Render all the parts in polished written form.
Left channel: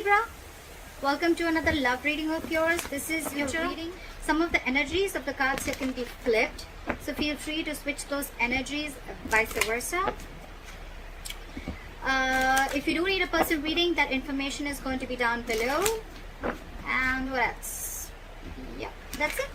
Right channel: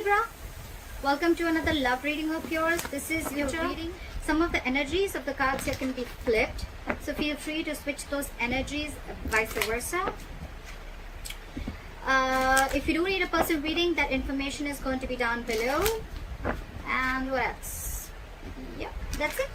Libra, welcome to another love reading of yours. This is your reading. Some of the energies of the cards here can be flipped, so feel free to switch those energies, vice versa. If you do need a personal reading, that information is going to be down below. And what else? Yeah, that's it.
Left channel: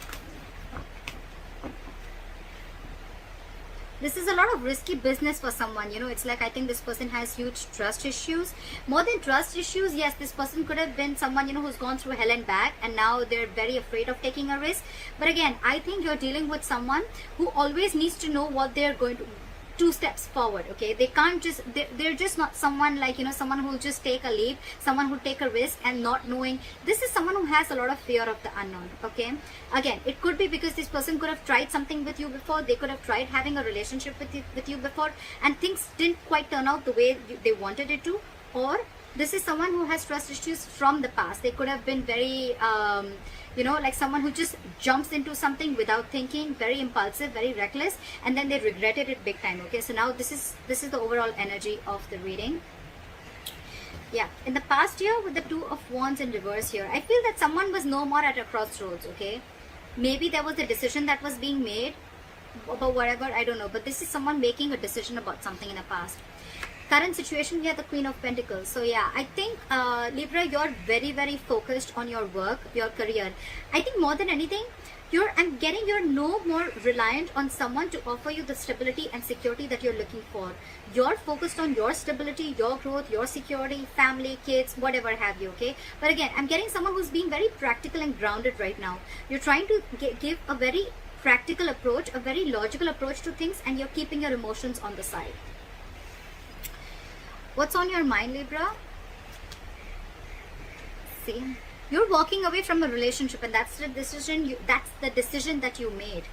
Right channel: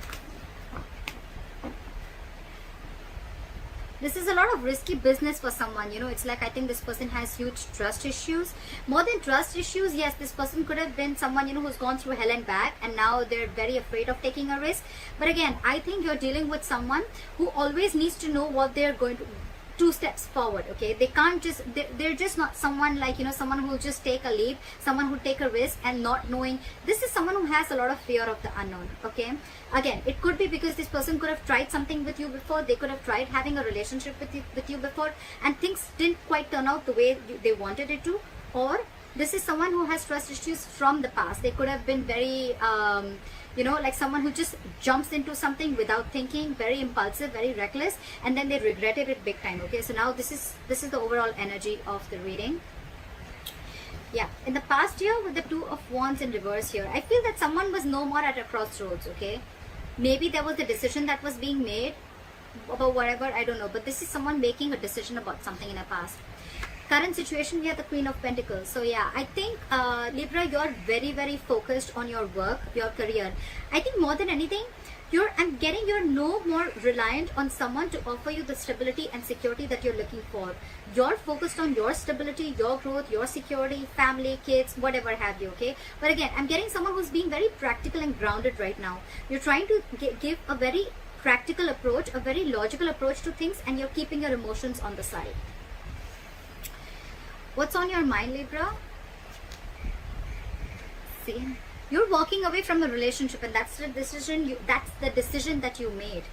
This is a lot of risky business for someone, you know. It's like I think this person has huge trust issues. More than trust issues, yes, this person could have been someone, you know, who's gone through hell and back, and now they're very afraid of taking a risk. But again, I think you're dealing with someone who always needs to know what they're going to 2 steps forward. Okay, they can't just, they're just not someone like, you know, someone who will just take a leap, someone who take a risk and not knowing. This is someone who has a lot of fear of the unknown. Okay, again, it could be because this person could have tried something with you before. They could have tried having a relationship with you before, and things didn't quite turn out the way they wanted it to. Or this is someone who has trust issues from the past. They could have been very you know, like someone who just jumps into something without thinking, very impulsive, very reckless, and then they regretted it big time. Okay, so now this is the overall energy of the reading. Yeah, in the past year with the 2 of Wands in reverse here, I feel that someone was no more at a crossroads. Okay, maybe there was a decision that was being made about whatever, I don't know, but this is someone making a decision about something in the past. Current situation, we have the Queen of Pentacles. So yeah, I think Libra, you're very, very focused on your work, your career. I think more than anything, you're no more reliant on someone to offer you the stability and security that you're looking for. You're focused on your stability, your growth, your security, family, kids, whatever have you. Okay, but again, I'm getting someone who's being very practical and grounded right now. You're trying to give a very practical approach, a very logical approach to things, and you're keeping your emotions on the side. What's on your mind, Libra? See, you're walking away from a relationship, and that's the decision. That's the decision that you made.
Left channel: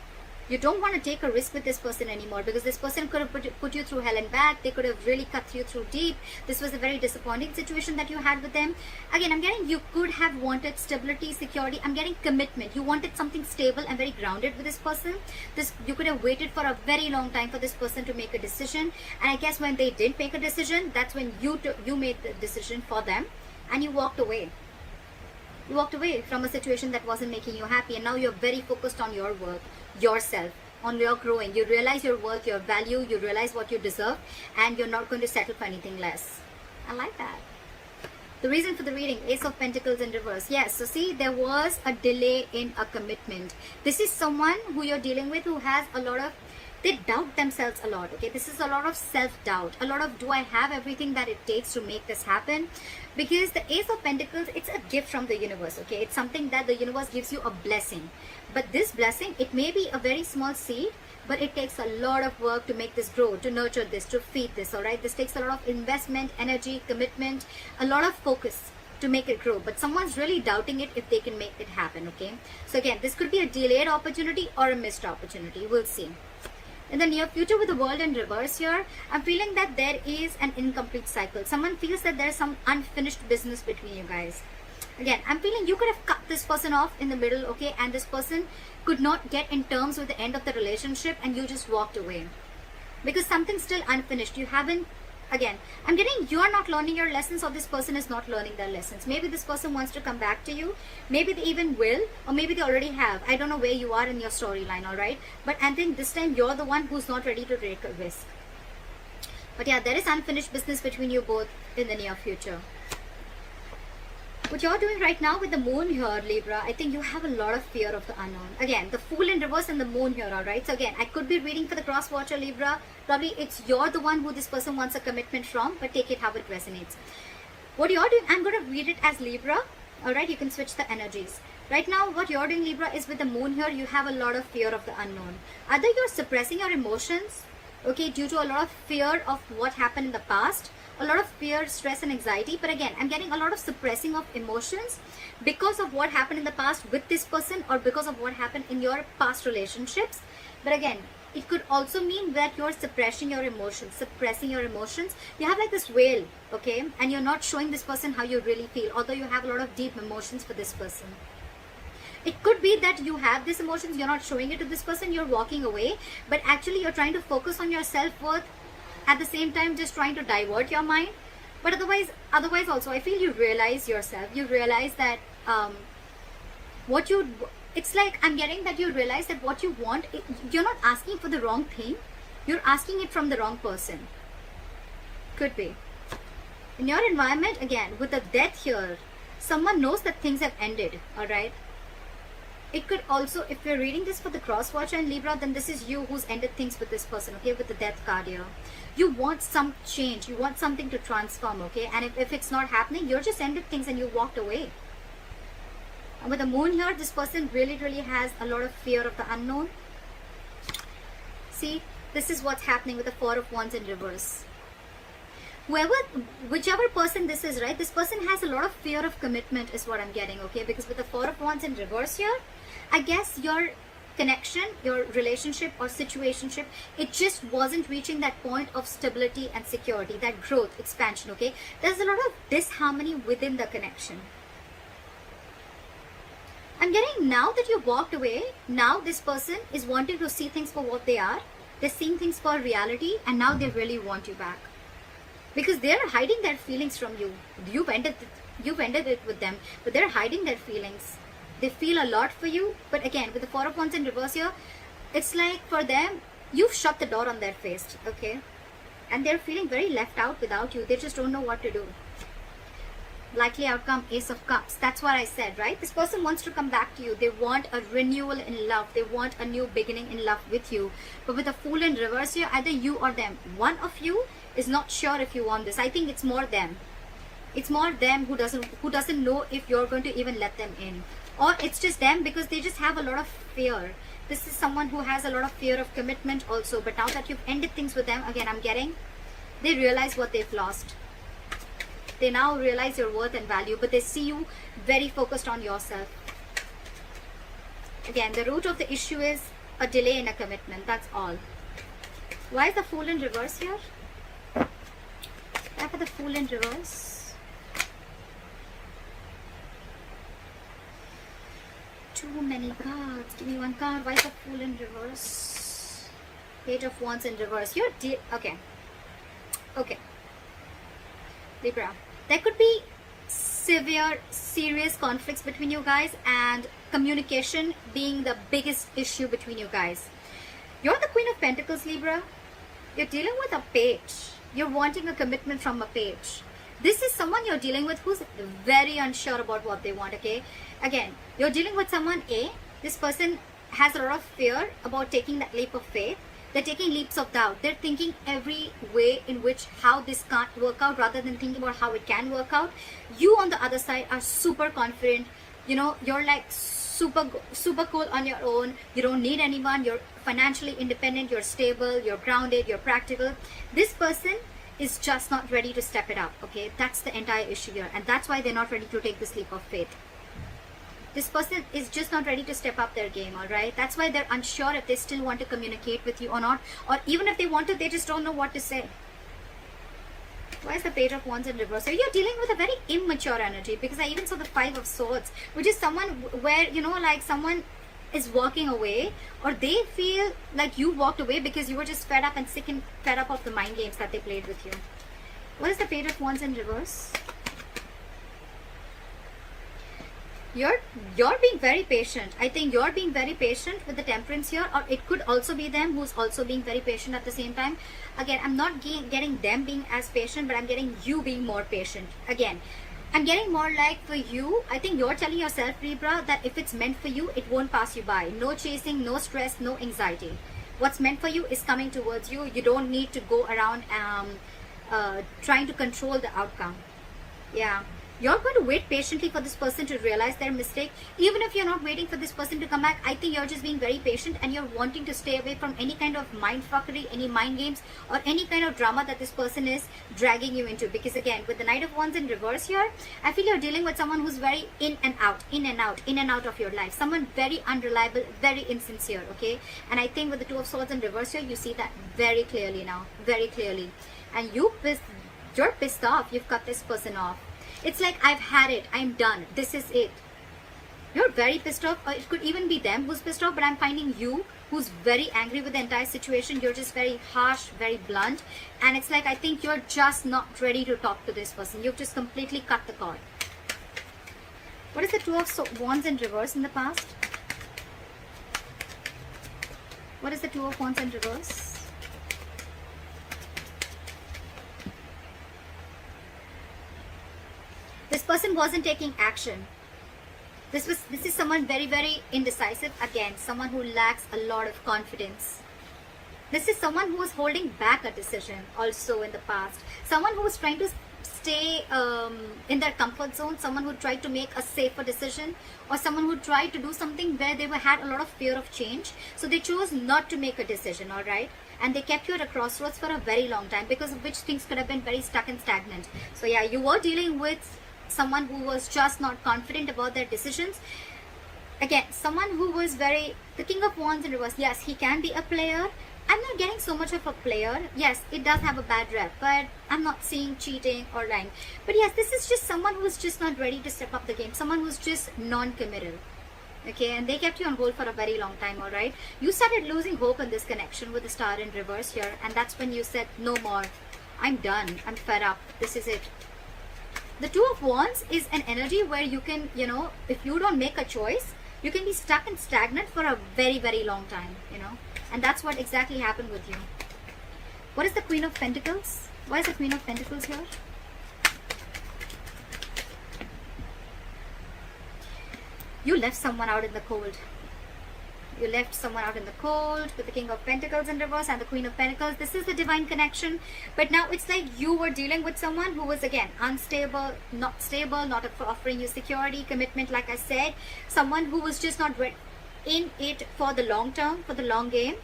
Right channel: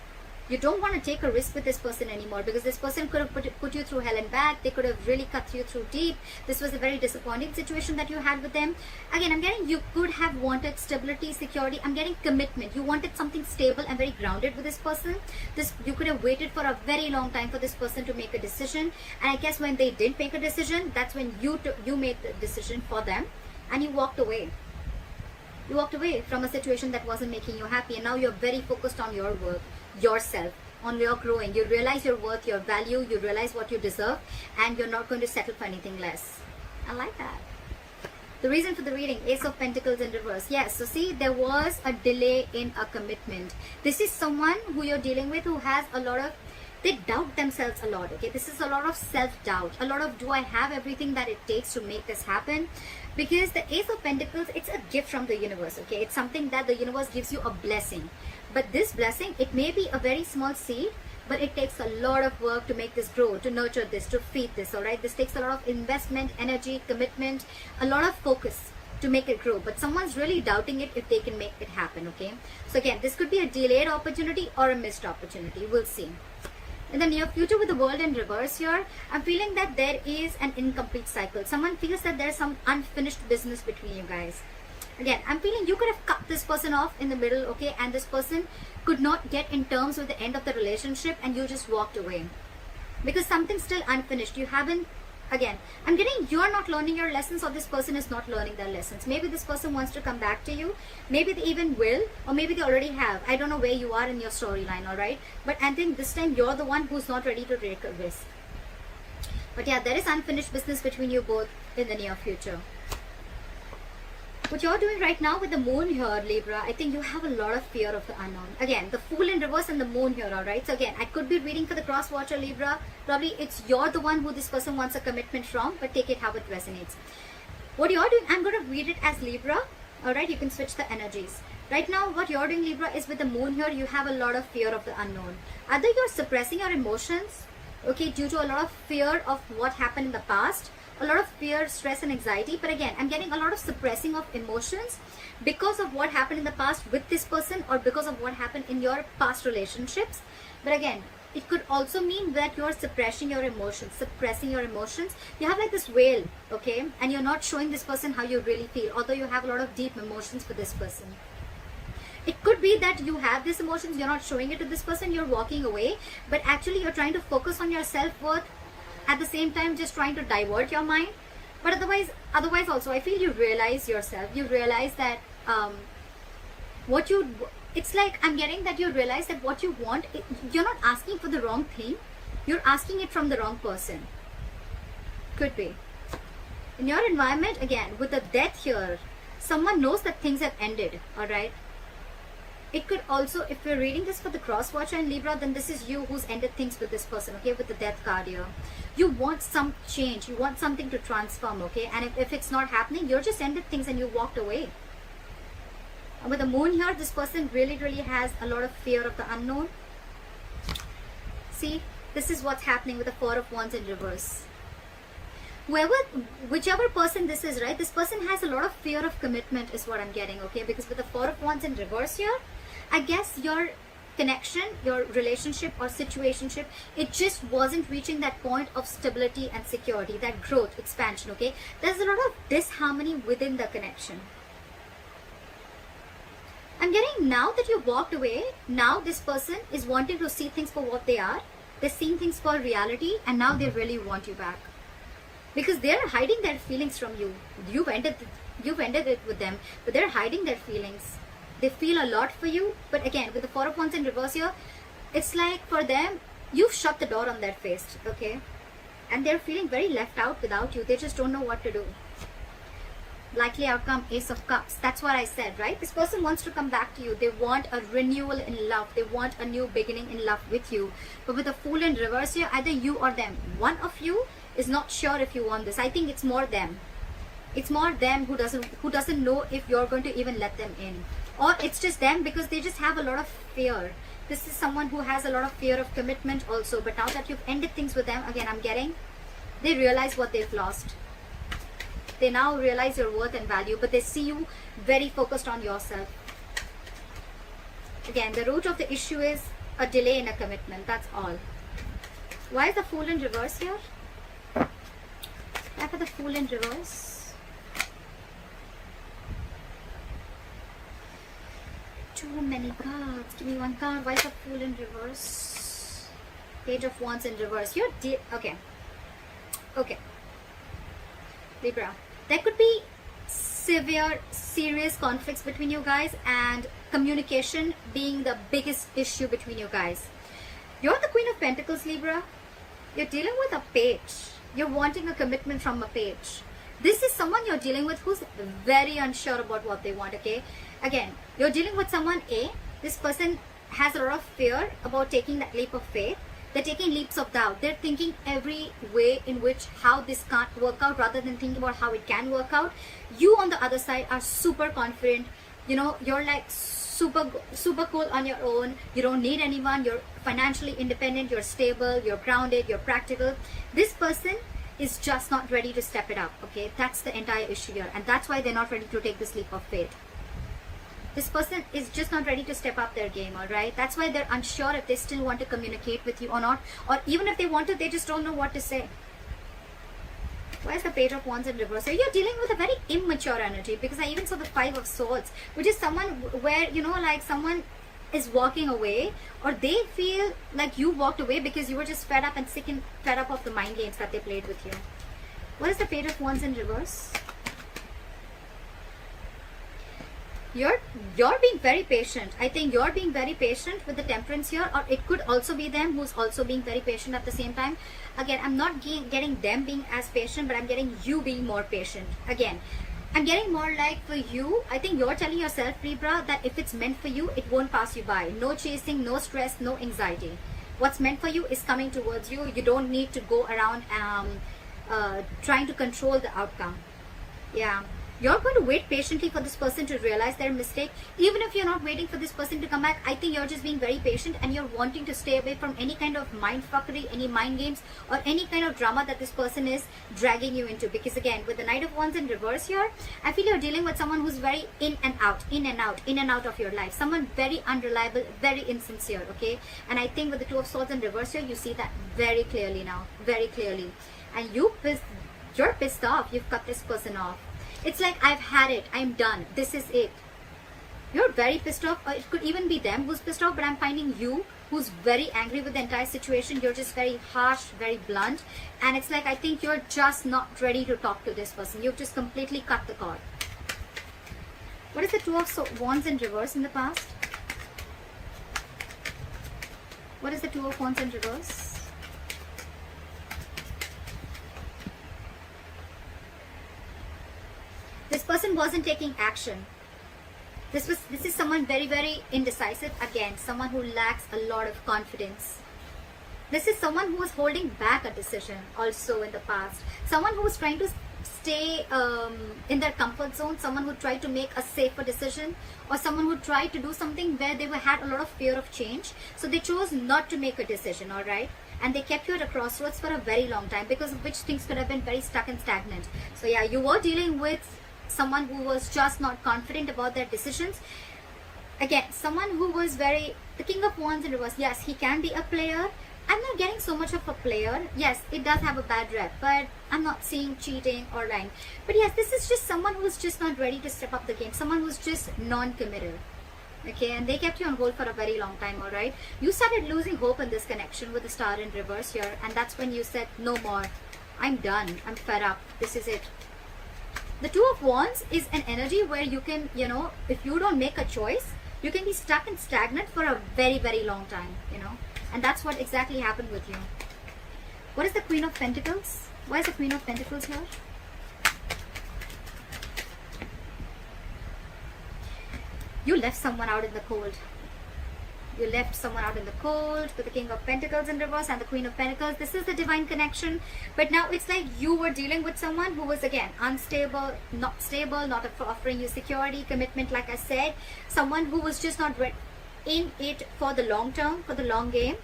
You don't want to take a risk with this person anymore, because this person could have put you through hell and back. They could have really cut you through deep. This was a very disappointing situation that you had with them. Again, I'm getting you could have wanted stability, security. I'm getting commitment. You wanted something stable and very grounded with this person. You could have waited for a very long time for this person to make a decision. And I guess when they did make a decision, that's when you made the decision for them, and you walked away. You walked away from a situation that wasn't making you happy, and now you're very focused on your work, yourself, on your growing. You realize your worth, your value, you realize what you deserve, and you're not going to settle for anything less. I like that. The reason for the reading, Ace of Pentacles in reverse. Yes, so see, there was a delay in a commitment. This is someone who you're dealing with who has a lot of, they doubt themselves a lot. Okay, this is a lot of self-doubt, a lot of, do I have everything that it takes to make this happen? Because the Ace of Pentacles, it's a gift from the universe. Okay, it's something that the universe gives you, a blessing. But this blessing, it may be a very small seed, but it takes a lot of work to make this grow, to nurture this, to feed this. All right, this takes a lot of investment, energy, commitment, a lot of focus to make it grow. But someone's really doubting it if they can make it happen. Okay, so again, this could be a delayed opportunity or a missed opportunity. We'll see. In the near future with the World in reverse here, I'm feeling that there is an incomplete cycle. Someone feels that there's some unfinished business between you guys. Again, I'm feeling you could have cut this person off in the middle, okay, and this person could not get in terms with the end of the relationship, and you just walked away because something's still unfinished. You haven't, again, I'm getting you're not learning your lessons, or this person is not learning their lessons. Maybe this person wants to come back to you, maybe they even will, or maybe they already have. I don't know where you are in your storyline, all right, but I think this time you're the one who's not ready to take a risk. But yeah, there is unfinished business between you both in the near future. What you're doing right now with the moon here, Libra, I think you have a lot of fear of the unknown. Again, the Fool in reverse and the moon here, alright? So again, I could be reading for the cross watcher, Libra. Probably you're the one who this person wants a commitment from, but take it how it resonates. What you're doing, I'm going to read it as Libra. Alright, you can switch the energies. Right now, what you're doing, Libra, is with the moon here, you have a lot of fear of the unknown. Either you're suppressing your emotions, okay, due to a lot of fear of what happened in the past, a lot of fear, stress and anxiety. But again, I'm getting a lot of suppressing of emotions because of what happened in the past with this person, or because of what happened in your past relationships. But again, it could also mean that you're suppressing your emotions. You have like this veil, okay, and you're not showing this person how you really feel, although you have a lot of deep emotions for this person. It could be that you have these emotions, you're not showing it to this person, you're walking away, but actually you're trying to focus on your self-worth, at the same time just trying to divert your mind But otherwise also, I feel you realize yourself. You realize that it's like I'm getting that you realize that what you want, you're not asking for the wrong thing. You're asking it from the wrong person. Could be. In your environment, again, with the death here, someone knows that things have ended, alright? It could also, if we're reading this for the cross watcher and Libra, then this is you who's ended things with this person, okay, with the death card here. You want some change, you want something to transform, okay, and if it's not happening, you're just ended things and you walked away. And with the moon here, this person really has a lot of fear of the unknown. See, this is what's happening with the Four of Wands in reverse. Whichever person this is, right, this person has a lot of fear of commitment is what I'm getting, okay, because with the Four of Wands in reverse here, I guess your connection, your relationship or situationship, it just wasn't reaching that point of stability and security, that growth, expansion, okay. There's a lot of disharmony within the connection. I'm getting now that you've walked away, now this person is wanting to see things for what they are. They're seeing things for reality, and now they really want you back. Because they're hiding their feelings from you. You've ended it with them, but they're hiding their feelings. They feel a lot for you, but again, with the Four of Wands in reverse here, it's like for them, you've shut the door on their face, okay? And they're feeling very left out without you. They just don't know what to do. Likely outcome, Ace of Cups. That's what I said, right? This person wants to come back to you. They want a renewal in love. They want a new beginning in love with you. But with the Fool in reverse here, either you or them. One of you is not sure if you want this. I think it's more them. It's more them who doesn't know if you're going to even let them in. Or it's just them because they just have a lot of fear. This is someone who has a lot of fear of commitment also. But now that you've ended things with them, again, I'm getting, they realize what they've lost. They now realize your worth and value, but they see you very focused on yourself. Again, the root of the issue is a delay in a commitment. That's all. Why is the Fool in reverse here? Why for the Fool in reverse? Too many cards. Give me one card. Why is the Fool in reverse? Page of Wands in reverse. You're okay. Okay. Libra. There could be severe, serious conflicts between you guys, and communication being the biggest issue between you guys. You're the Queen of Pentacles, Libra. You're dealing with a page. You're wanting a commitment from a page. This is someone you're dealing with who's very unsure about what they want, okay? Again, you're dealing with someone, this person has a lot of fear about taking that leap of faith. They're taking leaps of doubt. They're thinking every way in which how this can't work out rather than thinking about how it can work out. You on the other side are super confident. You know, you're like super cool on your own. You don't need anyone. You're financially independent. You're stable. You're grounded. You're practical. This person is just not ready to step it up. Okay, that's the entire issue here. And that's why they're not ready to take this leap of faith. This person is just not ready to step up their game, alright? That's why they're unsure if they still want to communicate with you or not. Or even if they want to, they just don't know what to say. Why is the Page of Wands in reverse? So you're dealing with a very immature energy, because I even saw the Five of Swords, which is someone where, you know, like someone is walking away, or they feel like you walked away because you were just fed up and sick and fed up of the mind games that they played with you. What is the Page of Wands in reverse? You're being very patient. I think you're being very patient with the Temperance here, or it could also be them who's also being very patient at the same time. Again, I'm not getting them being as patient, but I'm getting you being more patient. Again, I'm getting more like for you, I think you're telling yourself, Libra, that if it's meant for you, it won't pass you by. No chasing, no stress, no anxiety. What's meant for you is coming towards you. You don't need to go around trying to control the outcome. Yeah. You're going to wait patiently for this person to realize their mistake. Even if you're not waiting for this person to come back, I think you're just being very patient, and you're wanting to stay away from any kind of mind fuckery, any mind games, or any kind of drama that this person is dragging you into. Because again, with the Knight of Wands in reverse here, I feel you're dealing with someone who's very in and out of your life. Someone very unreliable, very insincere, okay? And I think with the Two of Swords in reverse here, you see that very clearly now, very clearly. And you're pissed off. You've cut this person off. It's like, I've had it. I'm done. This is it. You're very pissed off. Or it could even be them who's pissed off, but I'm finding you who's very angry with the entire situation. You're just very harsh, very blunt, and it's like I think you're just not ready to talk to this person. You've just completely cut the cord. What is the Two of Wands in reverse in the past? What is the Two of Wands in reverse? This person wasn't taking action. This is someone very, very indecisive. Again, someone who lacks a lot of confidence. This is someone who is holding back a decision also in the past. Someone who is trying to stay in their comfort zone. Someone who tried to make a safer decision, or someone who tried to do something where they had a lot of fear of change. So they chose not to make a decision, all right? And they kept you at a crossroads for a very long time, because of which things could have been very stuck and stagnant. So yeah, you were dealing with someone who was just not confident about their decisions. Again, someone who was the King of Wands in reverse. Yes, he can be a player. I'm not getting so much of a player. Yes, it does have a bad rep, but I'm not seeing cheating or lying. But yes, this is just someone who's just not ready to step up the game. Someone who's just non-committal. Okay, and they kept you on hold for a very long time, alright? You started losing hope in this connection with the star in reverse here, and that's when you said, no more. I'm done. I'm fed up. This is it. The Two of Wands is an energy where you can, if you don't make a choice, you can be stuck and stagnant for a very, very long time, And that's what exactly happened with you. What is the Queen of Pentacles? Why is the Queen of Pentacles here? You left someone out in the cold. You left someone out in the cold with the King of Pentacles in reverse and the Queen of Pentacles. This is the divine connection. But now it's like you were dealing with someone who was, again, unstable, not offering you security, commitment, like I said. Someone who was just not in it for the long term, for the long game.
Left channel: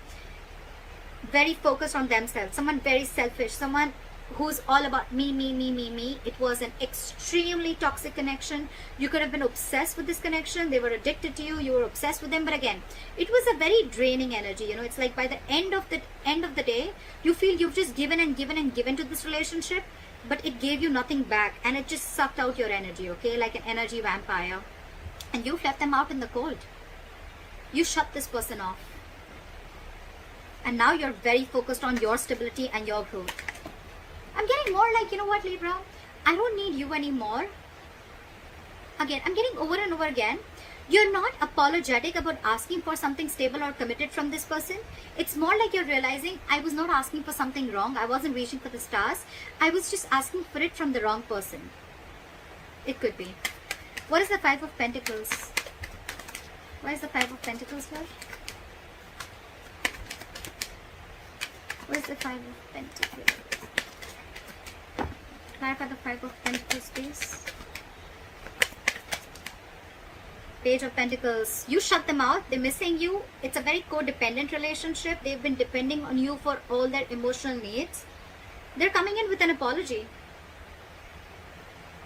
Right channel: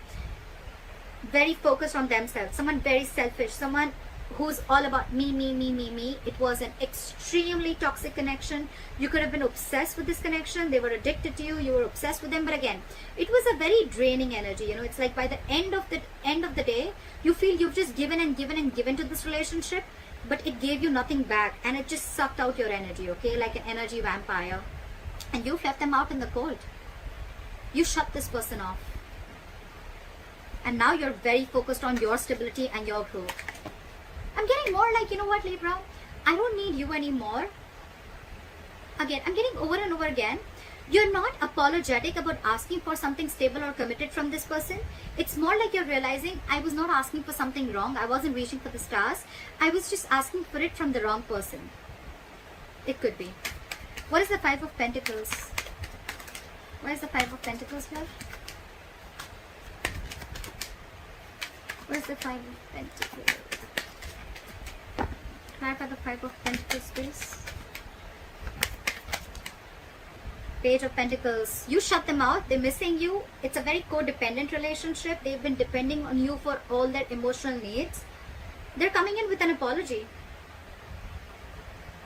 Very focused on themselves. Someone very selfish. Someone who's all about me, me, me, me, me. It was an extremely toxic connection. You could have been obsessed with this connection. They were addicted to you. You were obsessed with them. But again, it was a very draining energy. It's like by the end of the day, you feel you've just given and given and given to this relationship, but it gave you nothing back, and it just sucked out your energy. Okay, like an energy vampire, and you left them out in the cold. You shut this person off, and now you're very focused on your stability and your growth. I'm getting more like, you know what, Libra? I don't need you anymore. Again, I'm getting over and over again. You're not apologetic about asking for something stable or committed from this person. It's more like you're realizing, I was not asking for something wrong. I wasn't reaching for the stars. I was just asking for it from the wrong person. It could be. What is the Five of Pentacles? What is the Five of Pentacles here? What is the Five of Pentacles? Back at the Five of Pentacles, please. Page of Pentacles. You shut them out. They're missing you. It's a very codependent relationship. They've been depending on you for all their emotional needs. They're coming in with an apology.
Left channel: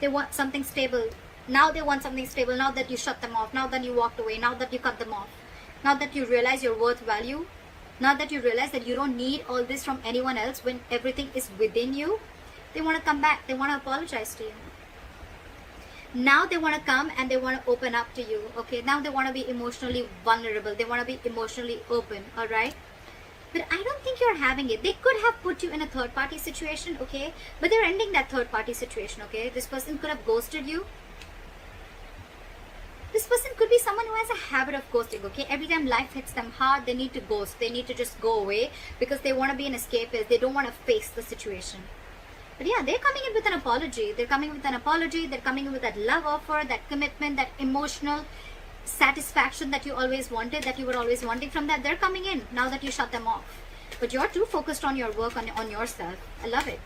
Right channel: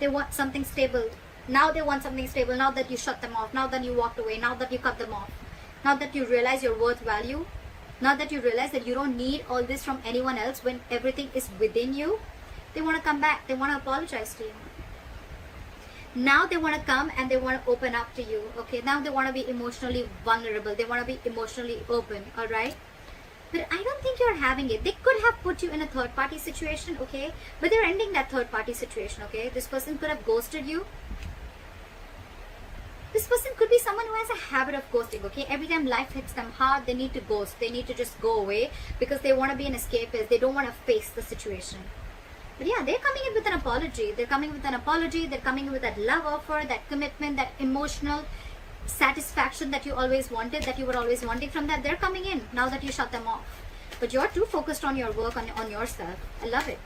They want something stable. Now they want something stable. Now that you shut them off. Now that you walked away. Now that you cut them off. Now that you realize your worth value. Now that you realize that you don't need all this from anyone else when everything is within you. They want to come back. They want to apologize to you. Now they want to come and they want to open up to you. Okay, now they want to be emotionally vulnerable. They want to be emotionally open. Alright. But I don't think you're having it. They could have put you in a third party situation. Okay. But they're ending that third party situation. Okay. This person could have ghosted you. This person could be someone who has a habit of ghosting, okay? Every time life hits them hard, they need to ghost. They need to just go away because they want to be an escapist. They don't want to face the situation. But yeah, they're coming in with an apology. They're coming with an apology. They're coming in with that love offer, that commitment, that emotional satisfaction that you always wanted, that you were always wanting from that. They're coming in now that you shut them off. But you're too focused on your work, on yourself. I love it.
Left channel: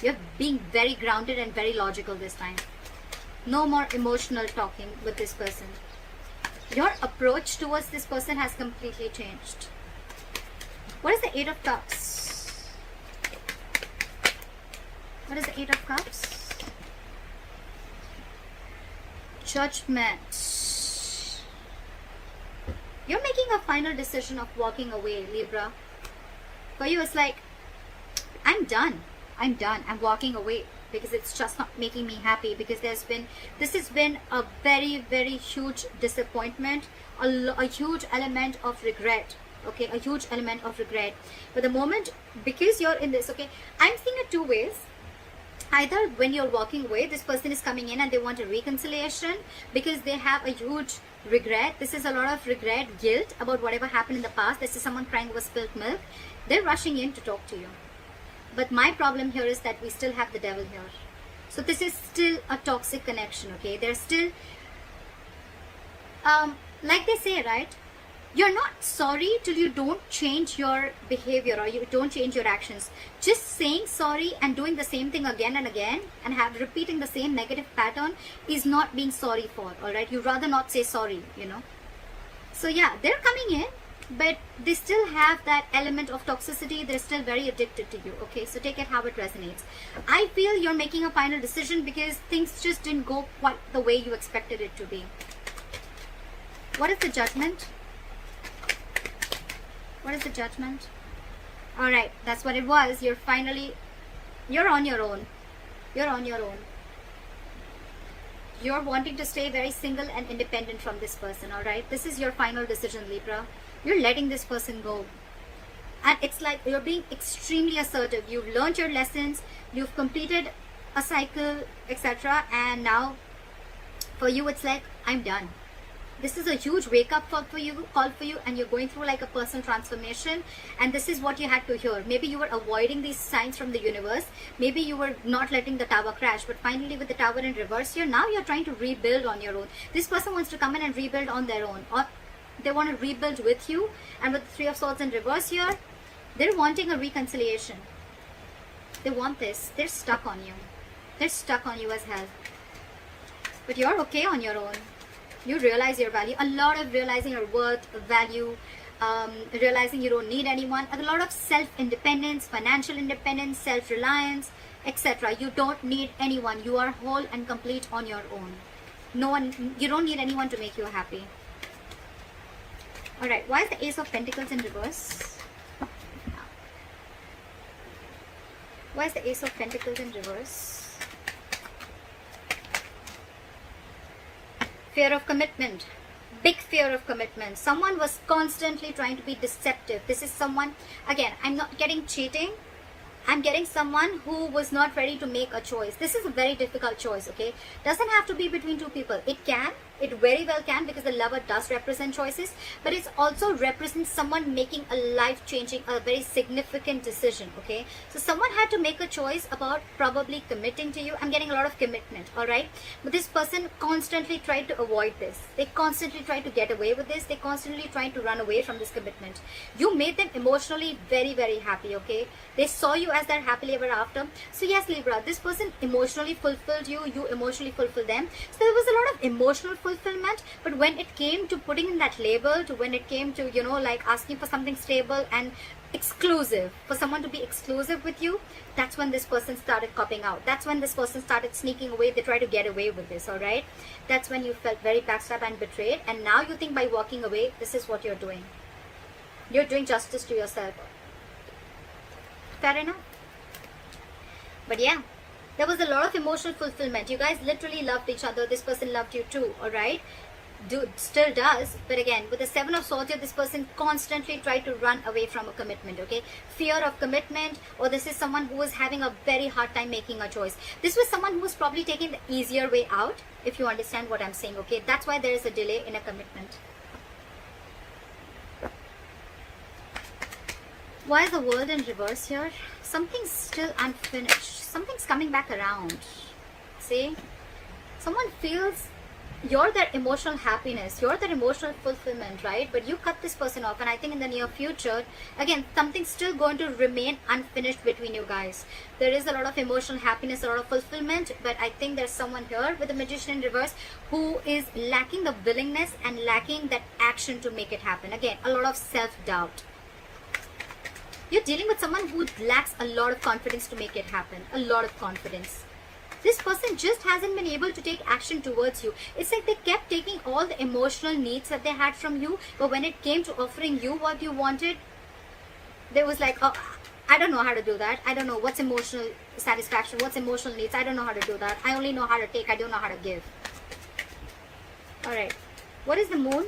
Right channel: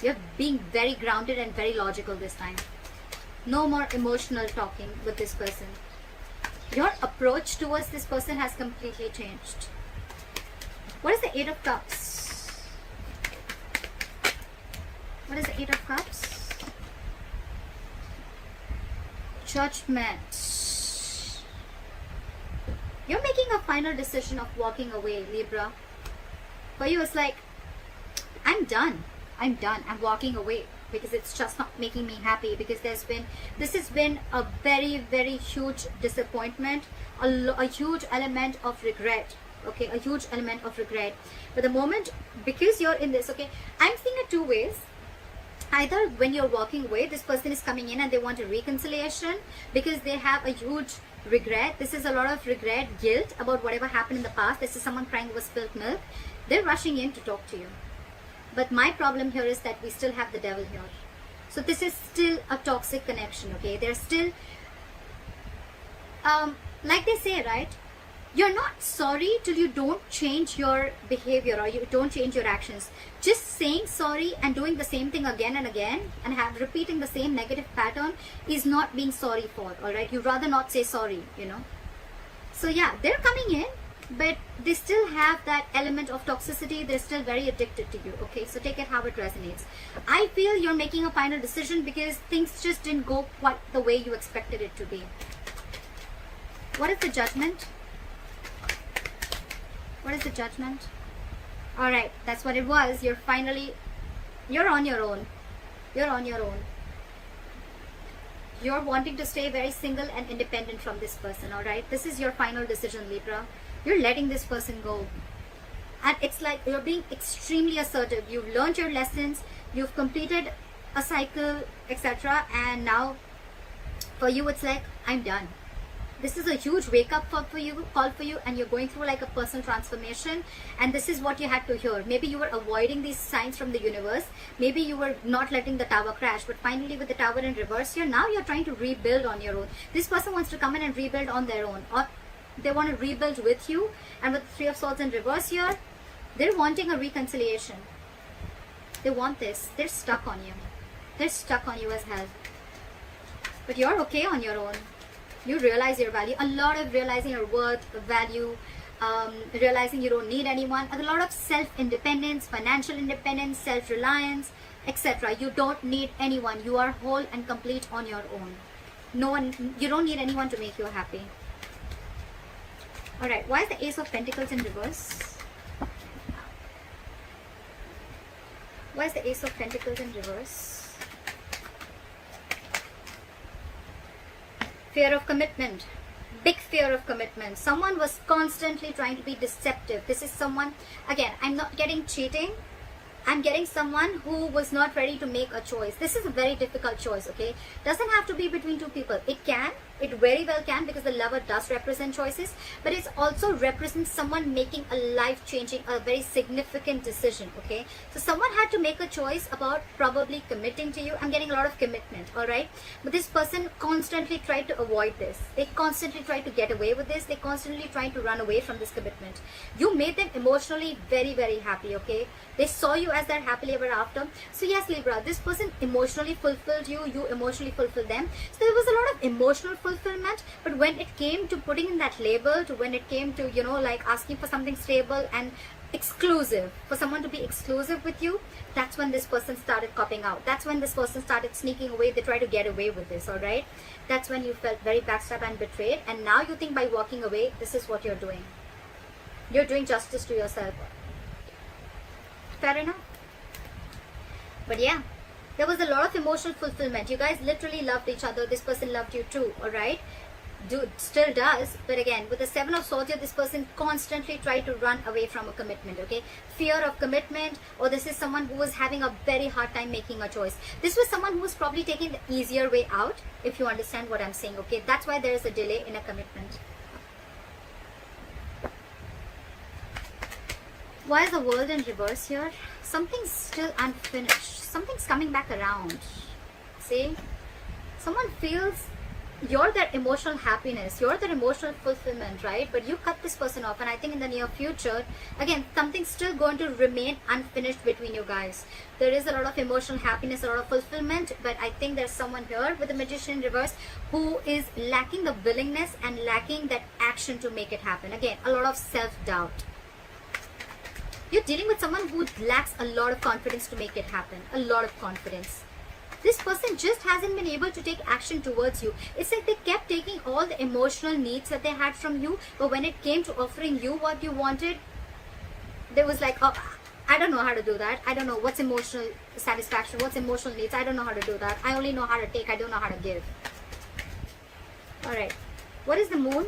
You're being very grounded and very logical this time. No more emotional talking with this person. Your approach towards this person has completely changed. What is the Eight of Cups? What is the Eight of Cups? Judgment. You're making a final decision of walking away, Libra. For you, it's like, I'm done. I'm done. I'm walking away. Because it's just not making me happy, because this has been a very, very huge disappointment, a huge element of regret, okay, a huge element of regret. But the moment, because you're in this, okay, I'm seeing it two ways. Either when you're walking away, this person is coming in and they want a reconciliation because they have a huge regret. This is a lot of regret, guilt about whatever happened in the past. This is someone crying over spilt milk. They're rushing in to talk to you. But my problem here is that we still have the devil here. So this is still a toxic connection, okay? There's still, like they say, right? You're not sorry till you don't change your behavior or you don't change your actions. Just saying sorry and doing the same thing again and again and repeating the same negative pattern is not being sorry for, alright? You rather not say sorry, you know. So yeah, they're coming in, but they still have that element of toxicity. They're still very addicted to you, okay? So take it how it resonates. I feel you're making a final decision because things just didn't go quite the way you expected it to be. What is the judgment? What is the judgment? Alright, that's what it was. You're on your own. You're on your own. You're wanting to stay very single and independent from this person, alright? This is your final decision, Libra. You're letting this person go. And it's like you're being extremely assertive. You've learned your lessons. You've completed a cycle, etc. And now, for you, it's like, I'm done. This is a huge wake-up call for you, and you're going through like a personal transformation, and this is what you had to hear. Maybe you were avoiding these signs from the universe. Maybe you were not letting the tower crash, but finally with the tower in reverse here, now you're trying to rebuild on your own. This person wants to come in and rebuild on their own, or they want to rebuild with you, and with the Three of Swords in reverse here, they're wanting a reconciliation. They want this. They're stuck on you. They're stuck on you as hell. But you're okay on your own. You realize your value, a lot of realizing your worth, value, realizing you don't need anyone, a lot of self-independence, financial independence, self-reliance, etc. You don't need anyone. You are whole and complete on your own. No one, you don't need anyone to make you happy. Alright, why is the Ace of Pentacles in reverse? Why is the Ace of Pentacles in reverse? Fear of commitment. Big fear of commitment. Someone was constantly trying to be deceptive. This is someone, again, I'm not getting cheating. I'm getting someone who was not ready to make a choice. This is a very difficult choice, okay? Doesn't have to be between two people. It can. It very well can, because the lover does represent choices. But it also represents someone making a life-changing, a very significant decision, okay? So someone had to make a choice about probably committing to you. I'm getting a lot of commitment, alright? But this person constantly tried to avoid this. They constantly tried to get away with this. They constantly tried to run away from this commitment. You made them emotionally very, very happy, okay? They saw you as their happily ever after. So yes, Libra, this person emotionally fulfilled you. You emotionally fulfilled them. So there was a lot of emotional fulfillment. But when it came to putting in that label, to when it came to, you know, like asking for something stable and exclusive, for someone to be exclusive with you, that's when this person started copping out. That's when this person started sneaking away. They tried to get away with this, alright? That's when you felt very backstabbed and betrayed. And now you think by walking away, this is what you're doing. You're doing justice to yourself. Fair enough? But yeah, there was a lot of emotional fulfillment. You guys literally loved each other. This person loved you too, alright? Dude, still does. But again, with the Seven of Swords here, this person constantly tried to run away from a commitment, okay? Fear of commitment, or this is someone who was having a very hard time making a choice. This was someone who was probably taking the easier way out, if you understand what I'm saying, okay? That's why there is a delay in a commitment. Why is the World in reverse here? Something's still unfinished. Something's coming back around. See? Someone feels you're their emotional happiness. You're their emotional fulfillment, right? But you cut this person off. And I think in the near future, again, something's still going to remain unfinished between you guys. There is a lot of emotional happiness, a lot of fulfillment. But I think there's someone here with the Magician in reverse who is lacking the willingness and lacking that action to make it happen. Again, a lot of self-doubt. You're dealing with someone who lacks a lot of confidence to make it happen. A lot of confidence. This person just hasn't been able to take action towards you. It's like they kept taking all the emotional needs that they had from you, but when it came to offering you what you wanted, they was like, oh, I don't know how to do that. I don't know what's emotional satisfaction, what's emotional needs. I don't know how to do that. I only know how to take. I don't know how to give. Alright. What is the Moon?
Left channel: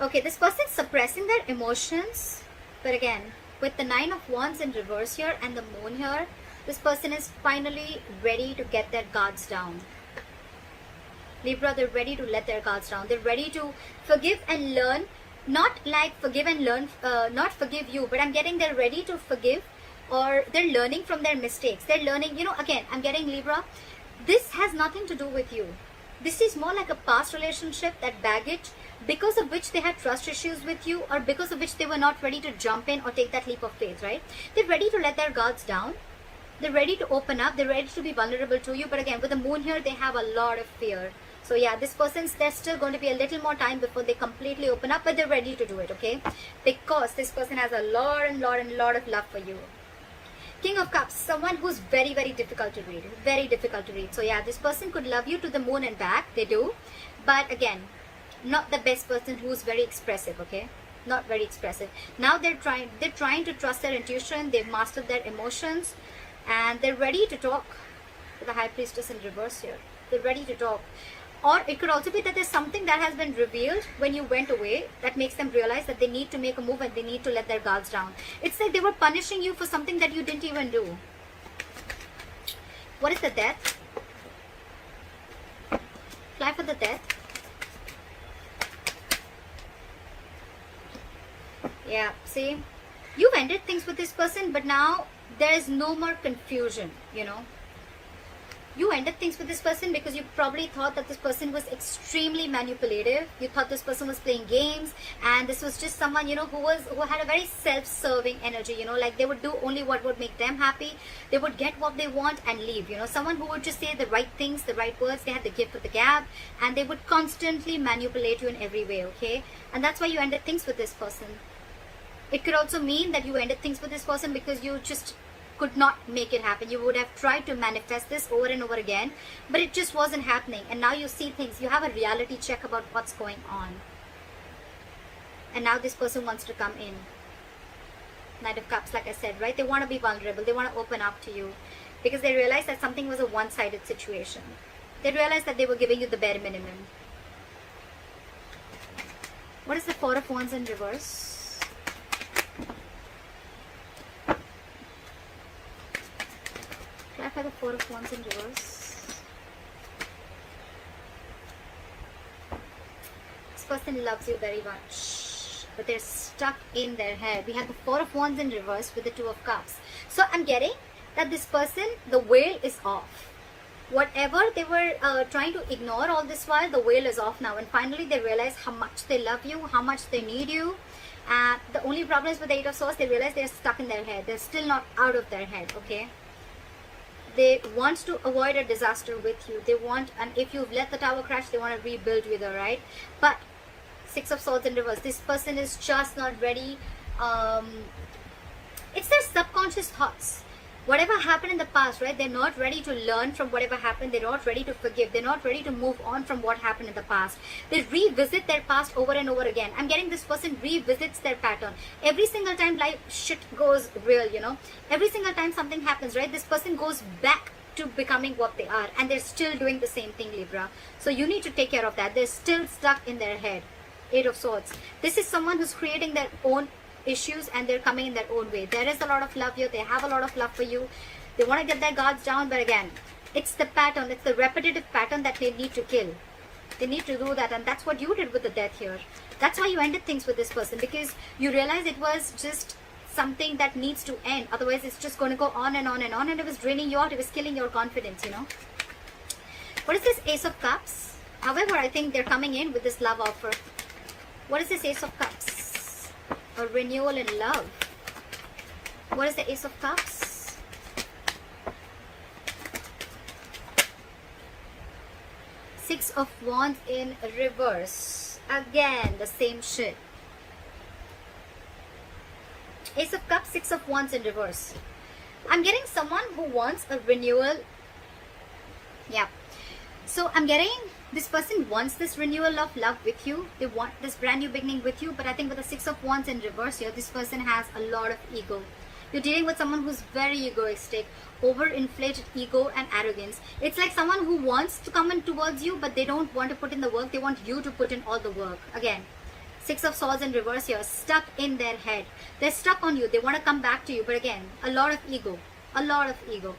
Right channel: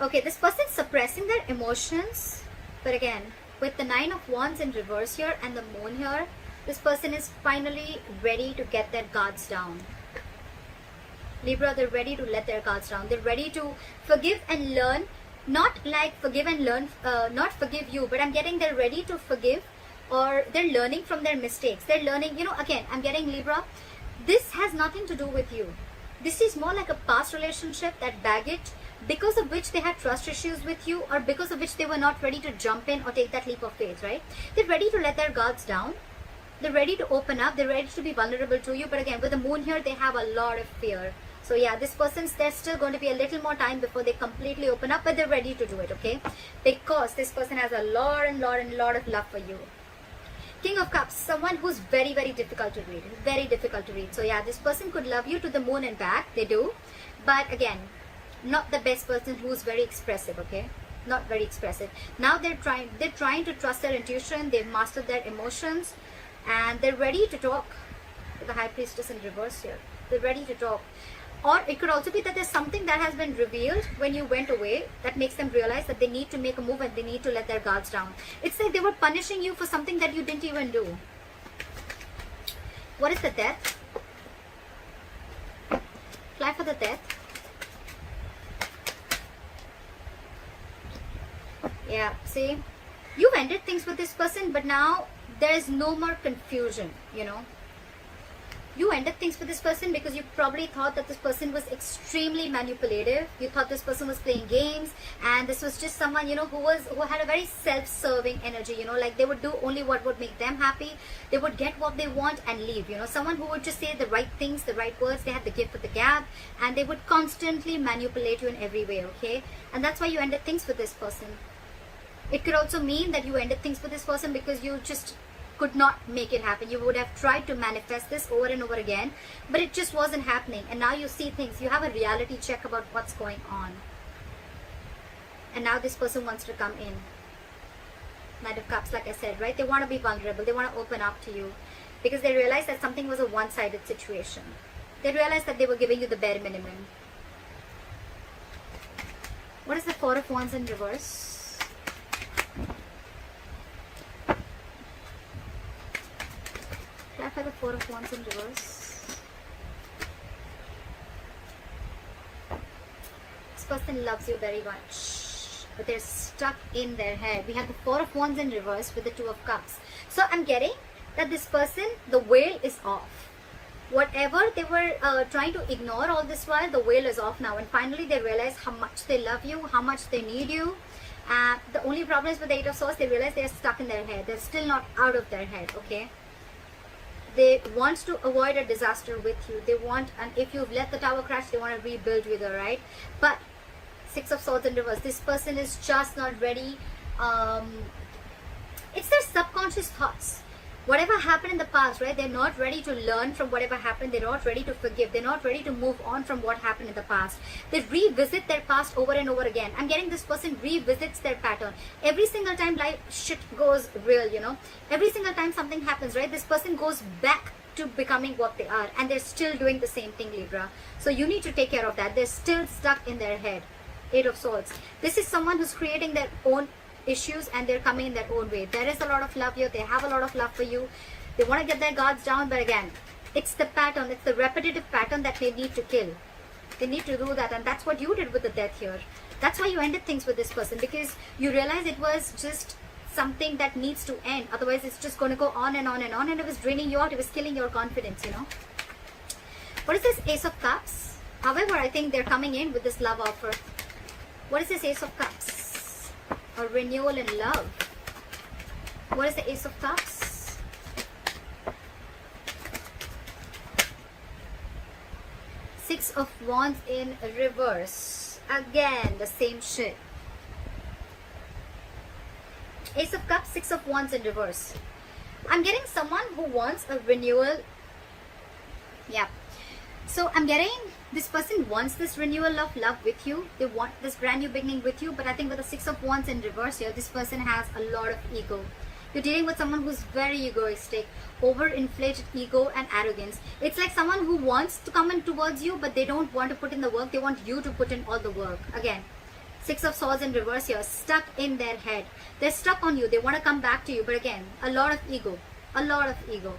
Okay, this person is suppressing their emotions. But again, with the 9 of Wands in reverse here and the moon here, this person is finally ready to get their guards down. Libra, they're ready to let their guards down. They're ready to forgive and learn. Not like forgive and learn, not forgive you, but I'm getting they're ready to forgive, or they're learning from their mistakes. They're learning, you know, again, I'm getting Libra. This has nothing to do with you. This is more like a past relationship, that baggage, because of which they had trust issues with you, or because of which they were not ready to jump in or take that leap of faith, right? They're ready to let their guards down. They're ready to open up. They're ready to be vulnerable to you. But again, with the moon here, they have a lot of fear. So yeah, this person's, there's still going to be a little more time before they completely open up, but they're ready to do it, okay? Because this person has a lot of love for you. King of Cups, someone who's very, very difficult to read. Very difficult to read. So yeah, this person could love you to the moon and back. They do. But again, not the best person who's very expressive, okay? Not very expressive. Now they're trying to trust their intuition. They've mastered their emotions. And they're ready to talk. The High Priestess in reverse here. They're ready to talk. Or it could also be that there's something that has been revealed when you went away that makes them realize that they need to make a move and they need to let their guards down. It's like they were punishing you for something that you didn't even do. What is the Death? Fly for the Death. Yeah, see? You've ended things with this person, but now there is no more confusion, you know? You ended things with this person because you probably thought that this person was extremely manipulative. You thought this person was playing games, and this was just someone, you know, who had a very self-serving energy, you know, like they would do only what would make them happy. They would get what they want and leave, you know. Someone who would just say the right things, the right words. They had the gift of the gab, and they would constantly manipulate you in every way, okay? And that's why you ended things with this person. It could also mean that you ended things with this person because you just could not make it happen. You would have tried to manifest this over and over again, but it just wasn't happening. And now you see things. You have a reality check about what's going on. And now this person wants to come in. Knight of Cups, like I said, right? They want to be vulnerable. They want to open up to you because they realize that something was a one-sided situation. They realized that they were giving you the bare minimum. What is the Four of Wands in reverse? For the Four of Wands in reverse. This person loves you very much, but they're stuck in their head. We have the Four of Wands in reverse with the Two of Cups. So I'm getting that this person, the veil is off. Whatever they were trying to ignore all this while, the veil is off now. And finally they realize how much they love you, how much they need you. The only problem is with the Eight of Swords, they realize they're stuck in their head. They're still not out of their head, okay? They want to avoid a disaster with you. They want, and if you've let the tower crash, they want to rebuild with you, right? But Six of Swords in reverse. This person is just not ready. It's their subconscious thoughts. Whatever happened in the past, right? They're not ready to learn from whatever happened. They're not ready to forgive. They're not ready to move on from what happened in the past. They revisit their past over and over again. I'm getting this person revisits their pattern. Every single time life shit goes real, you know. Every single time something happens, right? This person goes back to becoming what they are. And they're still doing the same thing, Libra. So you need to take care of that. They're still stuck in their head. Eight of Swords. This is someone who's creating their own issues and they're coming in their own way. There is a lot of love here. They have a lot of love for you. They want to get their guards down, but again, it's the pattern, it's the repetitive pattern that they need to kill. They need to do that, and that's what you did with the Death here. That's how you ended things with this person, because you realized it was just something that needs to end. Otherwise, it's just going to go on and on and on, and it was draining you out. It was killing your confidence, you know. What is this Ace of Cups? However, I think they're coming in with this love offer. What is this Ace of Cups? A renewal in love. What is the Ace of Cups? Six of Wands in reverse. Again, the same shit. Ace of Cups, Six of Wands in reverse. I'm getting someone who wants a renewal. Yeah. So I'm getting this person wants this renewal of love with you. They want this brand new beginning with you. But I think with the Six of Wands in reverse here, this person has a lot of ego. You're dealing with someone who's very egoistic, overinflated ego and arrogance. It's like someone who wants to come in towards you, but they don't want to put in the work. They want you to put in all the work. Again, Six of Swords in reverse here, stuck in their head. They're stuck on you. They want to come back to you, but again, a lot of ego. A lot of ego.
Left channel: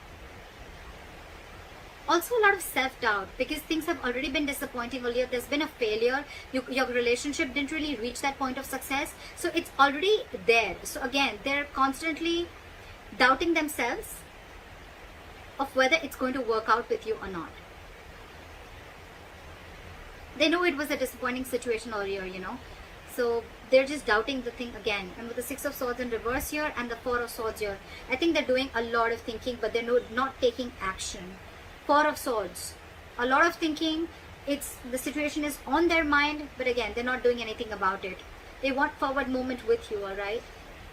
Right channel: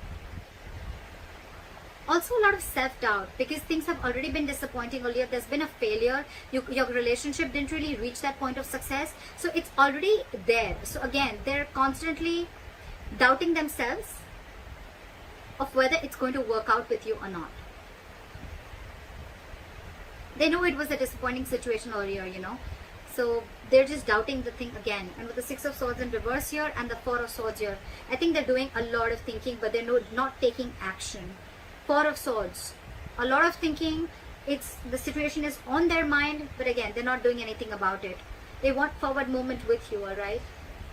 Also a lot of self-doubt, because things have already been disappointing earlier. There's been a failure. Your relationship didn't really reach that point of success. So it's already there. So again, they're constantly doubting themselves of whether it's going to work out with you or not. They know it was a disappointing situation earlier, you know. So they're just doubting the thing again. And with the Six of Swords in reverse here and the Four of Swords here, I think they're doing a lot of thinking, but they're not taking action. Four of Swords, a lot of thinking. The situation is on their mind, but again, they're not doing anything about it. They want forward movement with you, alright?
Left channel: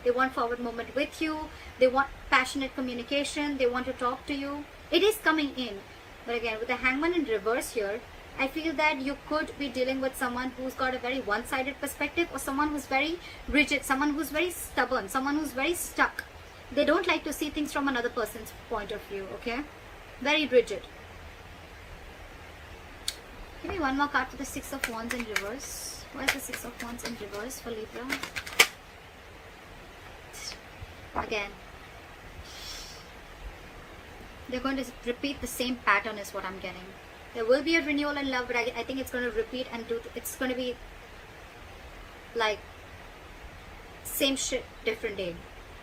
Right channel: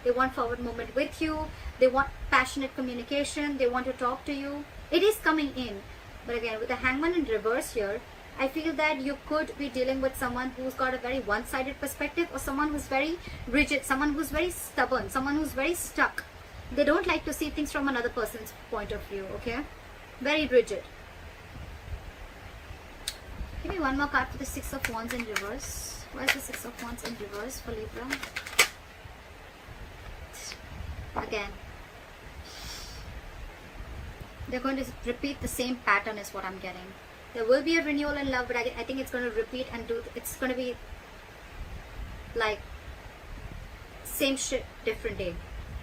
They want forward movement with you. They want passionate communication. They want to talk to you. It is coming in. But again, with the Hangman in reverse here, I feel that you could be dealing with someone who's got a very one-sided perspective, or someone who's very rigid, someone who's very stubborn, someone who's very stuck. They don't like to see things from another person's point of view, okay? Very rigid. Give me one more card for the Six of Wands in reverse. What is the Six of Wands in reverse for Libra? Again, they're going to repeat the same pattern is what I'm getting. There will be a renewal in love, but I think it's going to repeat and it's going to be like same shit, different day.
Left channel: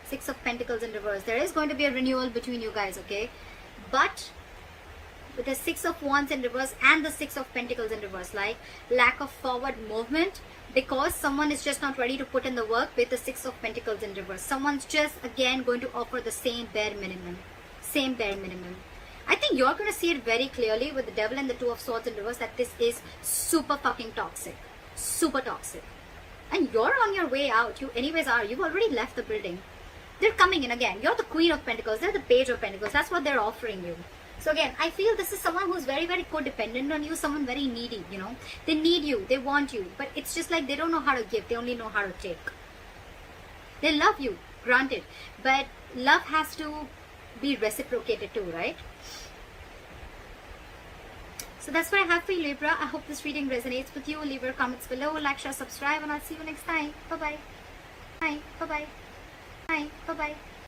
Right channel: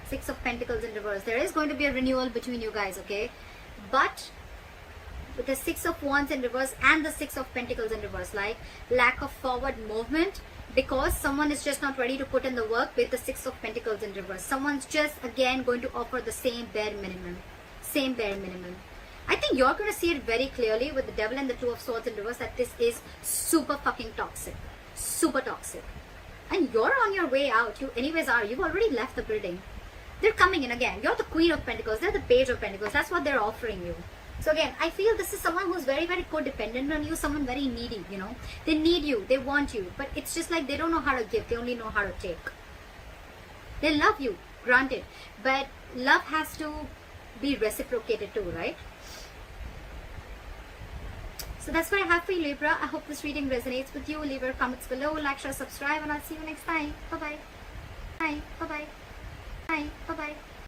Six of Pentacles in reverse. There is going to be a renewal between you guys, okay? But with the Six of Wands in reverse and the Six of Pentacles in reverse, like lack of forward movement, because someone is just not ready to put in the work with the Six of Pentacles in reverse. Someone's just again going to offer the same bare minimum. Same bare minimum. I think you're going to see it very clearly with the Devil and the Two of Swords in reverse that this is super fucking toxic. Super toxic. And you're on your way out. You anyways are. You've already left the building. They're coming in again. You're the Queen of Pentacles. They're the Page of Pentacles. That's what they're offering you. So again, I feel this is someone who's very, very codependent on you. Someone very needy, you know. They need you. They want you. But it's just like they don't know how to give. They only know how to take. They love you. Granted. But love has to be reciprocated too, right? So that's what I have for you, Libra. I hope this reading resonates with you. Leave your comments below, like, share, subscribe, and I'll see you next time. Bye-bye. Bye. Bye-bye. Bye. Bye-bye.